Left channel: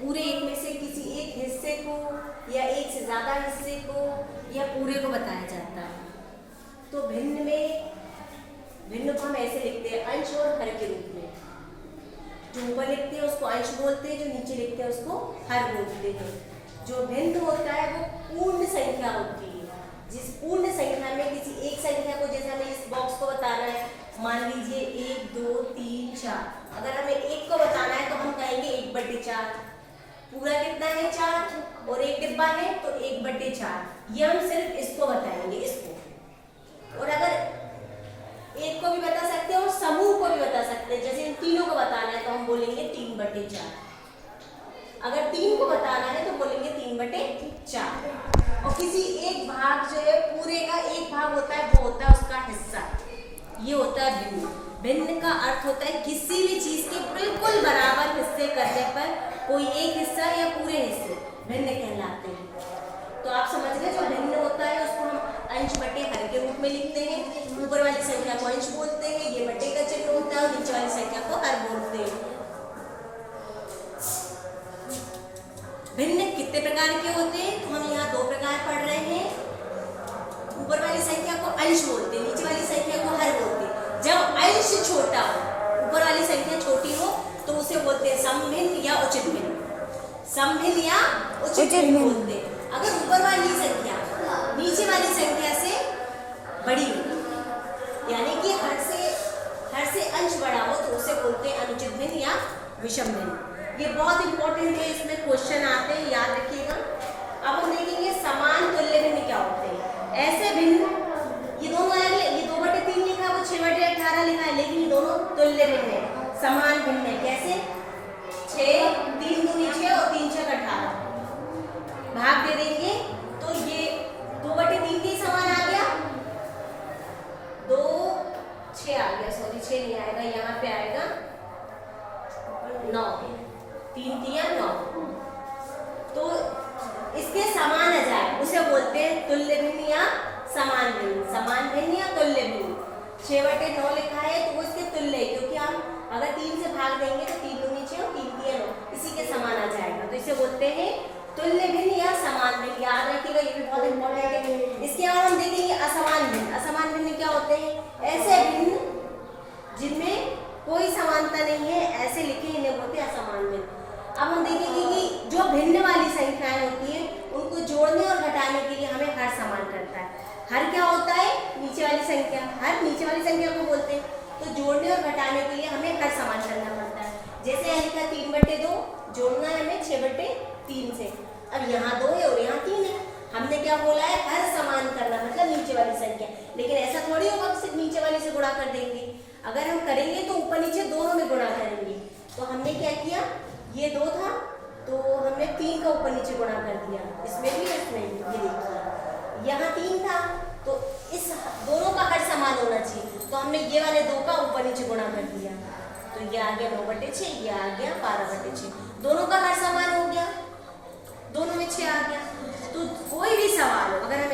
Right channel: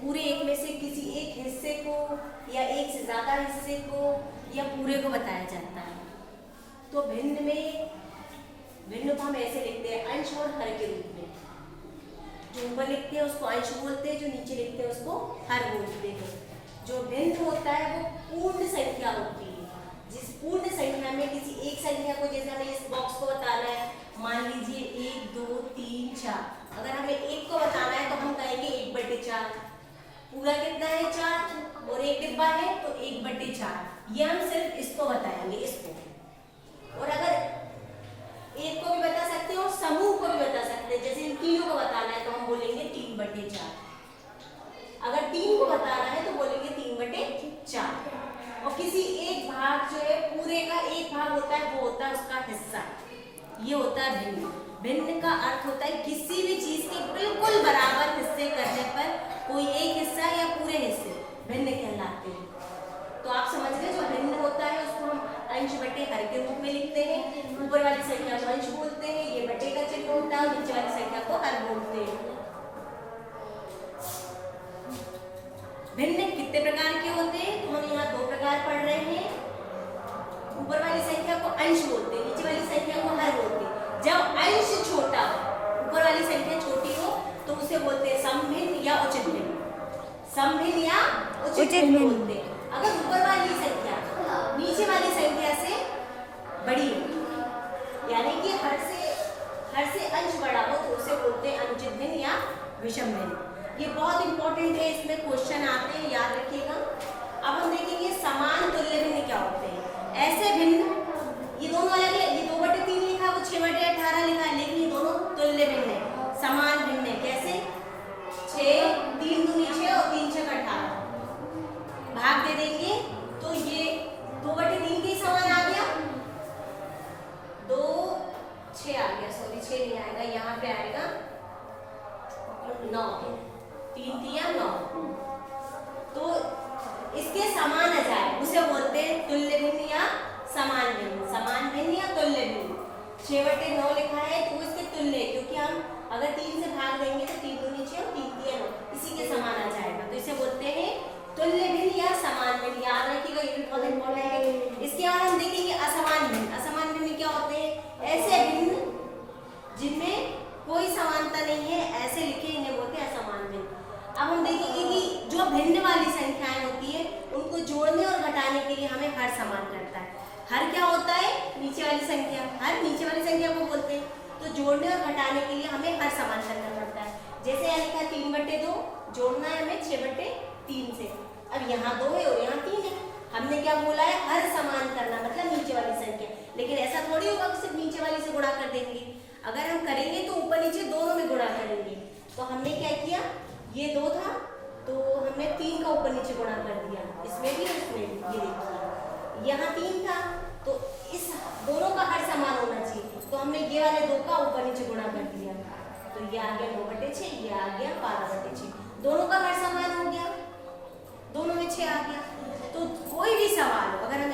पूरे एक में से किसी एक हिस्से को या एक से ज़्यादा हिस्से को या पूरे को बताया जाता है। तो भिन्न को हम ऐसे लिखते हैं अंश और हर के रूप में। जो ऊपर लिखते हैं उसको अंश बोलते हैं, जो नीचे लिखते हैं उसको हर बोलते हैं। जो भिन्न होता है वो पूर्ण संख्या होती है। जिस पूर्ण संख्या में किसी एक संख्या को, जैसे हमें इस बॉक्स को बताना है, मान लीजिए 1 2 3 4, अगर हमें एक को बताना है तो हम कहेंगे 1/4। पूरा कितना है 4 और एक डिब्बा है तो 1/4। ये हम सिर्फ इसको बताएंगे, इसको। और अगर एक को भी बता सकते हैं और समूह को भी बता सकते हैं, जैसे इन तीनों को बताना है तो हम बोलेंगे 3/4। अगर 3 को बताना है तो बोलेंगे 3/4। और किसी एक भाग जो है, पूरे का एक भाग होता है, वो होता है उसका हिस्सा। ये होता है भिन्न। भिन्न का अर्थ होता है किसी भी चीज के बिल्कुल बराबर हिस्से करने पर कोई एक हिस्सा या पूरे हिस्से भिन्न कहलाते हैं। तो आप समझ गए, जो भिन्न होता है उसको हम अंश बटे हर के रूप में लिखते हैं। ऊपर वाली संख्या को अंश बोलते हैं, ये बटे का चिन्ह होता है, और नीचे वाली संख्या को हर बोलते हैं। भिन्न कितने प्रकार के होते हैं? तो हम यहाँ 2 प्रकार पढ़ रहे हैं। ऊपर वाली संख्या को अंश बोलते हैं, नीचे वाली संख्या को हर बोलते हैं। जब अंश छोटा हो, ऊपर वाली संख्या छोटी हो, तो उसे बोलते हैं समभिन्न या उचित भिन्न। समभिन्न या उचित भिन्न बोलते हैं। अगर ऊपर वाली संख्या नीचे वाली संख्या से बड़ी हो, यानी कि हर से अंश बड़ा हो, तो उसे बोलते हैं अनुचित भिन्न या विषम भिन्न। ये बहुत इंपॉर्टेंट है, इसमें क्वेश्चन आते हैं, याद रखिएगा। अब हम देखेंगे समान तुल्य भिन्न क्या होते हैं। ऐसे भिन्न, ये दोनों अलग है, ये 2/3 लिखा है, वो 6/18 लिखा है, लेकिन ये दोनों तुल्य भिन्न है, समान भिन्न है। कैसे? 6 3 दूनी 6 और 3 6 18 भाग दे देंगे तो ये 2/3 के समान आ गया, 2 6 आ गया, सॉरी 6 नहीं आएगा, यहाँ पे आएगा 9, 3 3 9। तो इसके समान आ जाए उसे बोलते हैं तुल्य भिन्न या समान भिन्न। समान भिन्न या तुल्य भिन्न। 6/9 लिखा है तो वो इसके तुल्य है, क्योंकि हम अगर 3 से भाग देंगे तो 3 दूनी 6 और 3 3 9, इसी के समान आ जाएगा। तो इसे बोलते हैं तुल्य भिन्न या समान भिन्न। याद रखिएगा, ये भी बहुत इंपॉर्टेंट है। इसके बाद हम देखेंगे असमान भिन्न। असमान भिन्न क्या होते हैं? ऐसे भिन्न जिनमें कोई समानता नहीं है, ऐसे लिखे, इन्हें बोलते हैं असमान भिन्न। अब हम देखेंगे कि जो भिन्न वाली संख्याएं होती है, उनको जोड़ने और घटाने के लिए हमें हर समान करता है। हर क्या होता है? नीचे वाली संख्या। हर नीचे वाली संख्या को बोलते हैं। तो जोड़ने और घटाने के लिए हमें हर समान करना पड़ता है। जैसे यहाँ लिखा 3/2, जोड़ना है हमें 6/3 से। अब यहाँ 2 है और यहाँ 3 है, हमने क्या बोला है? हर समान करना, मतलब नीचे वाली संख्या। लेकिन ऐसा थोड़ी होगा सिर्फ नीचे वाली से गुणा कर देंगे। अगर हम करेंगे तो ऊपर नीचे दोनों में गुणा करेंगे। तो हमने क्या किया, ये 2 था तो हमने 3 का ऊपर नीचे गुणा कर दिया, इसमें भी इसमें भी। ये देखिए यहाँ 3 था तो इस दोनों का हर समान होना चाहिए, तो हमने ये वाले 2 का ऊपर नीचे गुणा कर दिया, तो ये आ गया 9/6, ये आ गया 12/6। दोनों का हर समान हो गया, दोनों में 6 आ गया। तो कोई भी सवाल हो, अगर